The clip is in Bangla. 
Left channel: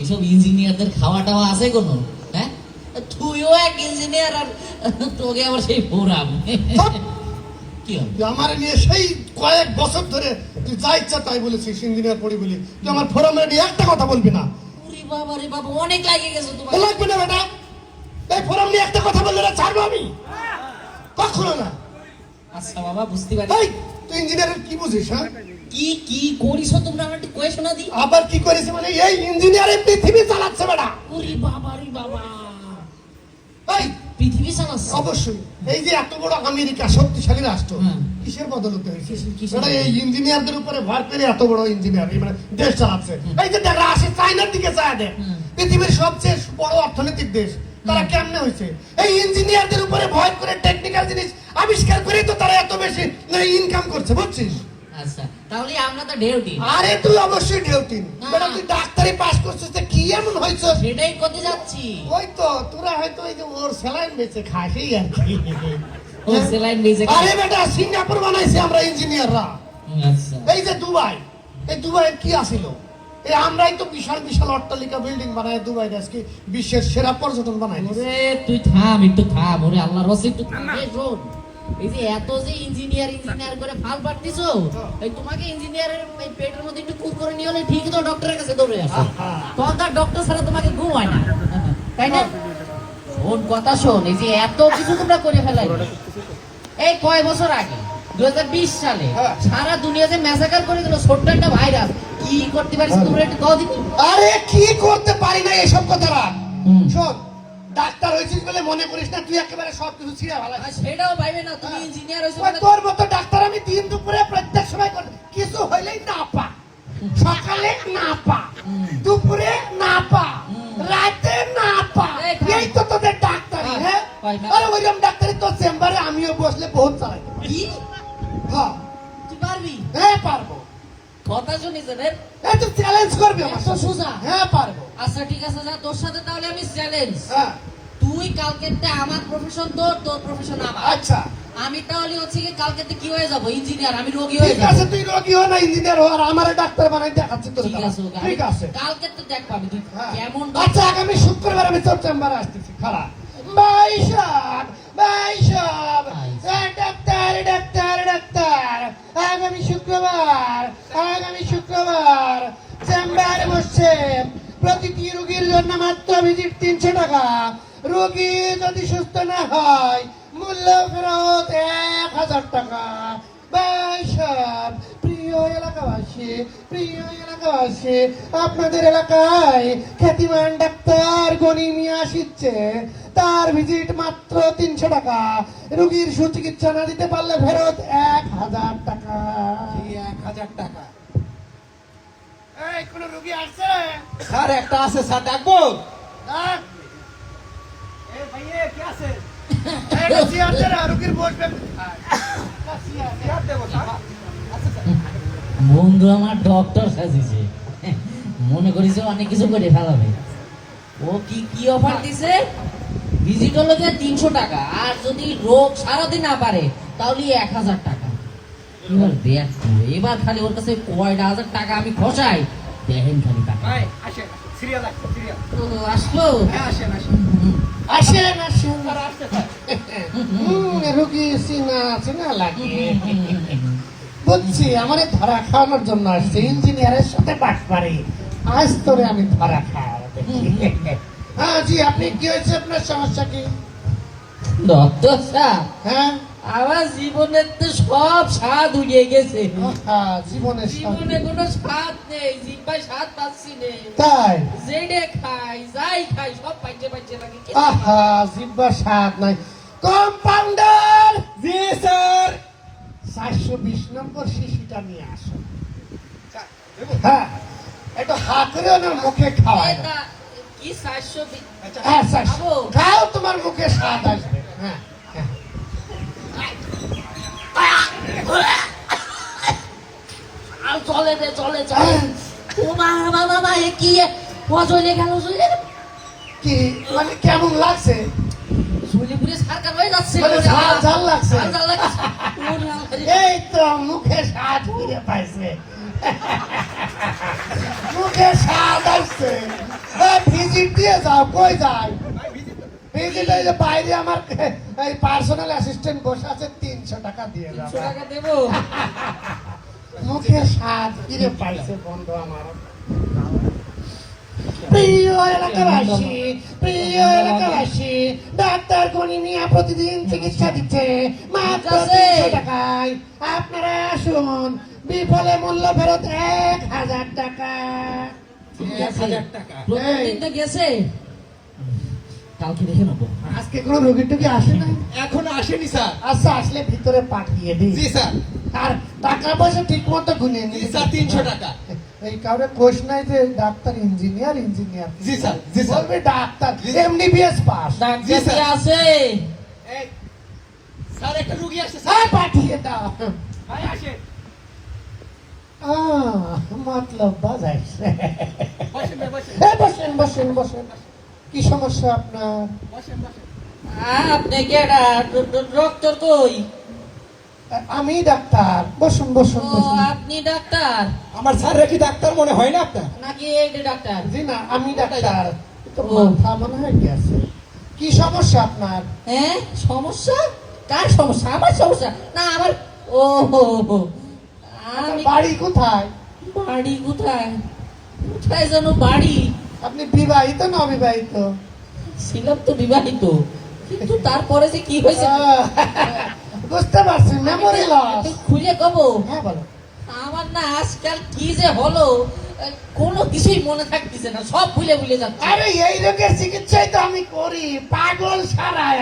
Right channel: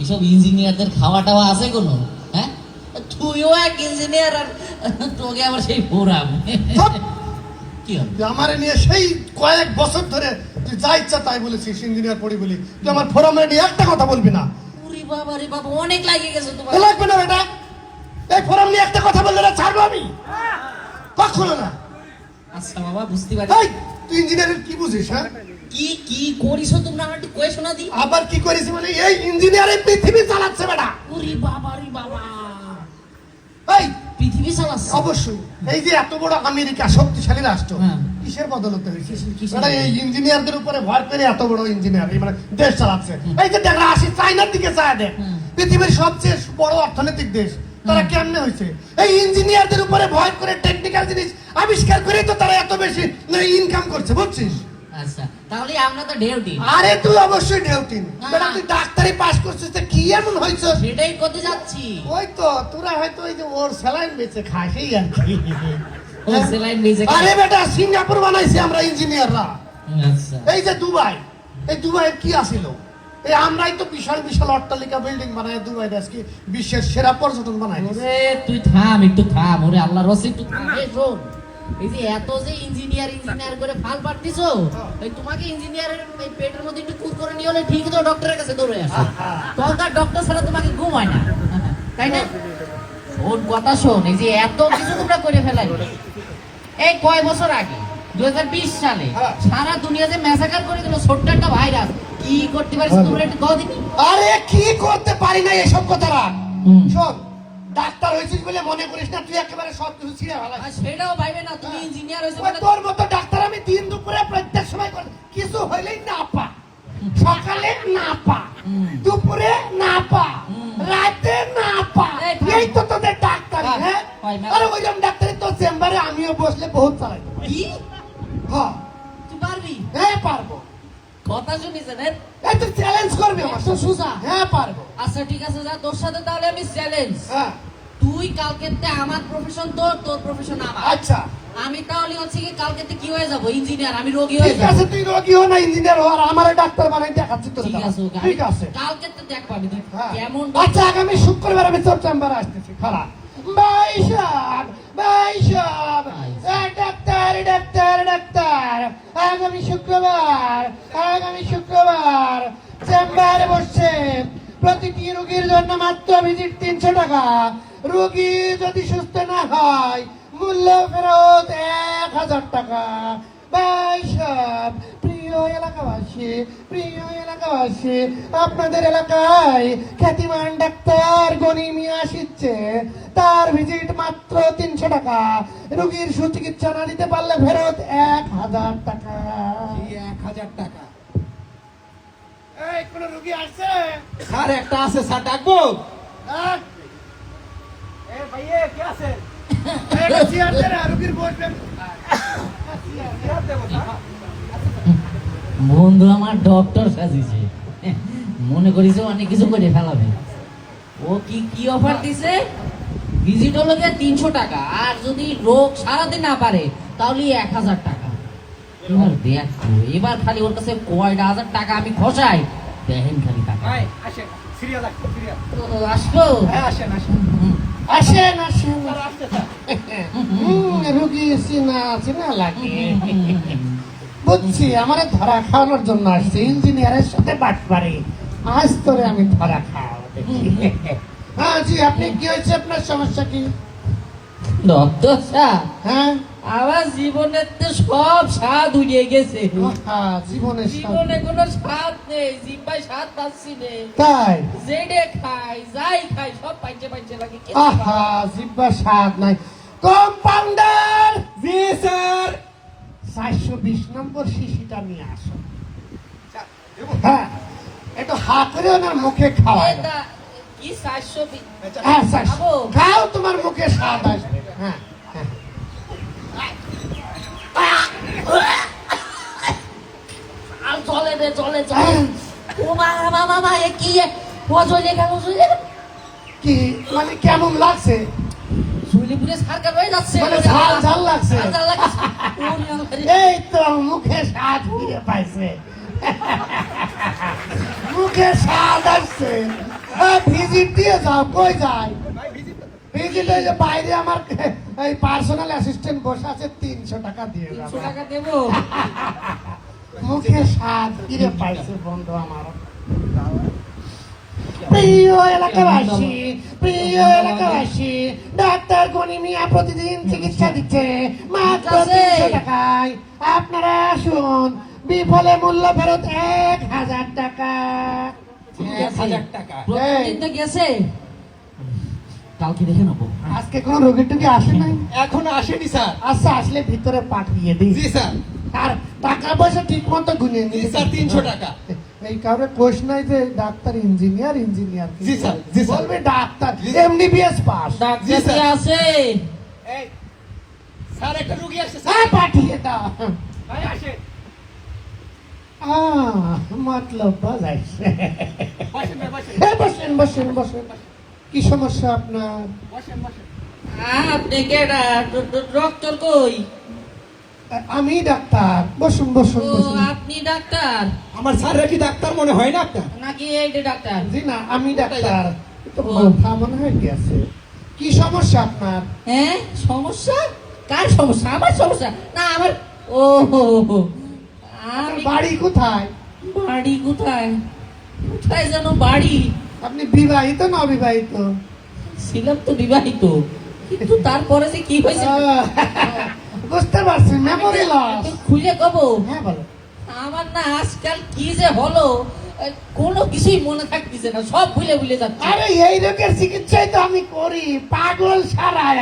এইসব ইঞ্জিনিয়ারদের খাওয়া টাওয়া আছে কোনো? হ্যাঁ, তুইও এক ইঞ্জিনিয়ার আর তোকে আবার সেই ফোরাম কি হবে? আমার নিয়ে সেই কয়েক বছর ধরে তুই যা ইচ্ছা তাই বলেছিস ইঞ্জিনিয়ার পড়ি বলি, তুই আমার ফোরামে নিয়ে একটা কথা বলবি না। ওরে বাবা রে বাবা, অনেক লাগে গেছে তোমার। লাগবে না বেটা, এই ফোরাম নিয়ে একটা কথা বললে না ছাড়বো আমি কখনো না। আচ্ছা বাবা, বুঝতে পারি। তুই ইঞ্জিনিয়ারের কি বুঝিস? হ্যাঁ, কি কি করিস তোমরা আমার একটু কয়ে শোনা দি। আবার কি করিস মানে? এই ইঞ্জিনিয়ারের পৃথিবী চালাচ্ছে বেটা। ওরে বাবা রে বাবা, এই পৃথিবী চালাচ্ছে? অবশ্যই। এই যে এত বড় আমেরিকা শক্তিশালী রাষ্ট্র, কিসের বদলতে হয়েছে? এই ইঞ্জিনিয়ারদের উপরে ভর করে এত বড় ইঞ্জিনিয়ার মানে দেশ চালাচ্ছে। এই যে দেখা আসে চাইনার দিকে চায় দেখ, পৃথিবীর সবচেয়ে বড় অর্থনৈতিক দেশ, তারা কেমনে হয়েছে? এই ইঞ্জিনিয়ারদের উপরে ভয় করে টেকনিক্যাল জিনিস আবিষ্কার করে তো তারা এত বেশি ইনকাম করছে, বুঝছিস? আচ্ছা, তাহলে আমরা তো ডিউটি। আরে তুই অবশ্যই ডিউটি। বেটা তুই ডাক্তারি পাস করছিস, তো কি এমন হয়েছে? সেটাই করতে যাচ্ছি। ওই তো তোরা হয়তো ওই যে ওর স্যালাইন বেচে খাস এই আর কি। ও স্যালাইন বেচে খায়? আরে বেটা সিঙ্গাপুর বানাইছে আমরা ইঞ্জিনিয়াররা। আচ্ছা, এই যে দুবাই, এই দুবাইয়ের কি আসিল? এই আমরাই তো বিশাল বিশাল অট্টালিকা বিল্ডিং বানাই দুবাই আজকে বিশ্বের সেরা পর্যটন বানাই। ওরে তুই থাম, একটু থাম। ওরে আল্লাহর রসে একটু থাম। এই শোন, এই যে এত যে ইঞ্জিনিয়ার করে ফাল পাঠিয়েছো, এই তোমাকে ইঞ্জিনিয়ারের এই পেটের মধ্যে একটু কুক করে নিয়ে হলে ঠিক তো ডক্টরের কাছে দৌড়ে আসো। তখন ডক্টর ছাড়া তোমাকে ঘুম হয় না, তাই না? ওর কথা শোন, এই যে এত কিছু তোমরা করে ফেলাই, এই কয় বছর আগে 2020 সালে সারা দুনিয়া যে ম্যাসাকার করে দিল ছোট্ট একটা ভাইরাস, কি করতে পারিস তোমরা একটু কও দিবি? আরে কি করতে পারি না এসব কথা রাখ। শোন, ডাক্তার হয়েছিস বলে মনে করিস না তুই একেবারে সব কিছু ছিঁড়ে ফেলাস। সেটাও ভাইবে না, তুমি ইঞ্জিনিয়ার হয়েছো বলে। তোর মতো ডাক্তার আমি দিন দুপুরে প্রত্যেক সময় কিছু হইলেই না পা, সকালে না পা, দুপুরে না পা, রাতে না পা, এই তো তোদের ডাক্তার। হ্যাঁ, আর ওইরকম ডাক্তারি তো চেম্বারে আমিও বসলে বহুত চালাই। কি হ্যাঁ তুই পারবি? হ্যাঁ পারবো। কথা শুনেছেন? তুই চ্যালেঞ্জ করবি আমার তো সুজা? হ্যাঁ পারবো। আচ্ছা ঠিক আছে, যা তোর সাথে তাহলে আমি চ্যালেঞ্জ। হ্যাঁ তুই কালকে আমার প্রফেশন তোর, তোর প্রফেশন আমার। আচ্ছা আমি তাহলে হচ্ছে কি কালকে কি হয়ে যাবো? ইঞ্জিনিয়ার, আমি রোগী হয়ে ঠিক যাবো। আছে, তুই রোগী হো না ইঞ্জিনিয়ার হো, আর আমার ডাক্তার বানাই দেখাচ্ছি তোর। ঠিক আছে, ঠিক আছে, কালকে তো দেখ পাবি তুই হ্যাঁ। কেমন। আচ্ছা আগামী শুক্রবার আমি তোর চেম্বারে আসতেছি। খালা ভাই সাহেব, ভাই সাহেব, ডাক্তার ডাক্তার ডাক্তার, আগামী শুক্রবার চেম্বারে বসছে। প্রতিটি রোগীর জন্য মাত্র ভিজিট 300 টাকা। রোগী যদি সুস্থ না হয় মূল্য ফেরত 1000 টাকা। ভাই সাহেব, প্রিয় এলাকাবাসী, আপনাদের এলাকায় খ্যাতিমান ডাক্তার গনি মিয়া আসছে। তার ভিজিট মাত্র 300 টাকা। রোগীর সুচিকিৎসা না দিতে পারলে ফেরত 1000 টাকা। 1000 টাকা। এই কোন রোগী আসছে? স্যার একটা আছে, স্যার ডাকবো? ভাইয়া কে আছে? চেয়ার দে না, রোগীর বসবেন। চেয়ার দেবো না। বন্ধু আমার ডক্টর সাজিছে, মনে করিস অনেক কিছু করে ফেলাবে। ও কি কি অফার দিছে? ভিজিট হলে 300 টাকা, আর যদি রোগ সারাতে না পারে তাহলে 1000 টাকা। এবার দেখো, এবার খালি ওর কাছে কয়টা হাজার টাকা আমি খসাই, দেখেন খালি টাকা। ভাই আসেন, সিরিয়াল আসছে, সিরিয়াল। তো আসবো? হ্যাঁ আসেন আসেন আসেন আসেন। রোগী চিনা লাগে, বুঝছি। আমার ধরা খাওয়ানোর জন্য আসছে, ইঞ্জিনিয়ারের সাথে বাট পারে। আজ তোরে আমি ধরা খাওয়াবো। হ্যাঁ জি, আপনি কি হয়েছে? আপনার সমস্যা কি? ডক্টর সাহেব, হ্যাঁ আমার জীবনের তো সব স্বাদ উড়িয়ে গেছে। জীবনে কোনো স্বাদ নেই, জিব্বায় স্বাদ পাচ্ছি নেই। তাই? যেটা খাই যাই খাই সব পাইছে লাগে। আহা, জিব্বা স্বাদ নাই। কম্পাউন্ডার! জি স্যার। 420 নম্বর শিশিটা নিয়ে আসো। হ্যাঁ, একটু হাত করে ওনার মুখে খাওয়ায়। কি 420? হ্যাঁ, খাও, তোমার মুখে স্বাদ আসবে। হ্যাঁ চলে রে, চলে। ও মা, এ কি চলে গেল? কি মানে কেমন লাগছে? চুলিপুরে সরকার হয়ে যাচ্ছে, ঝাল লাগছে। লাগছে। এই তো মুখে স্বাদ ফিরে পাইছে, মুখে স্বাদ আসছে। আসছে হ্যাঁ ভিজিট দিয়ে যাও কই যায় ভিজিটে যে বাইরে আমার এই পার্সোনাল অ্যাসিস্ট্যান্ট বসে আছে 300 টাকা দিয়ে দাও 300 টাকা দেবো মুখে স্বাদ ফিরে পাইছে বন্ধু আমার প্রিয় এলাকাবাসী ডাক্তার গনি মিয়া প্রতিদিন চিকিৎসা দিচ্ছে মাত্র 300 টাকায় আপনারা আসুন বিফলে মূল্য ফেরত 1000 টাকা 1000 টাকা প্রতিদিন তো গেছে কালকে দেখে নেবো আজকে কোন রোগী টুকি আসে নাই এখনো আসেনি স্যার আচ্ছা আসলে ভিতরে পাঠিয়ে দিই জি স্যার আর টাকা পয়সা ঠিক মতো গুনিয়ে জি নিই স্যার 300 টাকা এই কারণে প্রশ্ন যে ডাক্তার ইঞ্জিনিয়ার জি স্যার জি স্যার বলবে ডাক্তার এমবিবিএস পাস ডাক্তার জি, স্যার। কি আছে এই স্যার একটা রোগী আসছে হ্যাঁ স্যার পাঠিয়ে দাও ভাই আসে মতলব বাজাইছে বসেন ভাই বসেন বসেন কি সমস্যা আপনার বসেন বসেন আপনি কেডা ডক্টর কই আমি ডাক্তার বসুন ও আপনি ডাক্তার আমার স্যারের কি ডাক্তার মনে হয় না আপনার নাকি এইটা ডাক্তার জি না আমি ডাক্তার তো ও। মাথা মনে হয় গেছে কি সমস্যা আপনার হ্যাঁ সমস্যা কার সমস্যা আমার সমস্যা না আমার ও হো, হো। আমি বাড়ি কোথায় বাড়ি কোথায় কোথায় যেন বাড়ি আপনি বিবাহিত না অবিবাহিত ছিলাম তো বিবাহিত কিন্তু তারপরে যে কি হয়েছে বুঝতে পারছি মেমোরি লস তুই খুঁজে কবো হ্যাঁ বলো আমার না আজকাল কি যে হলো কোনো কিছুই মনে থাকতেছে না সব ভুলে ভুলে যাচ্ছে আরে এই রোগের চিকিৎসাই তো আমি করি পাগল সারায়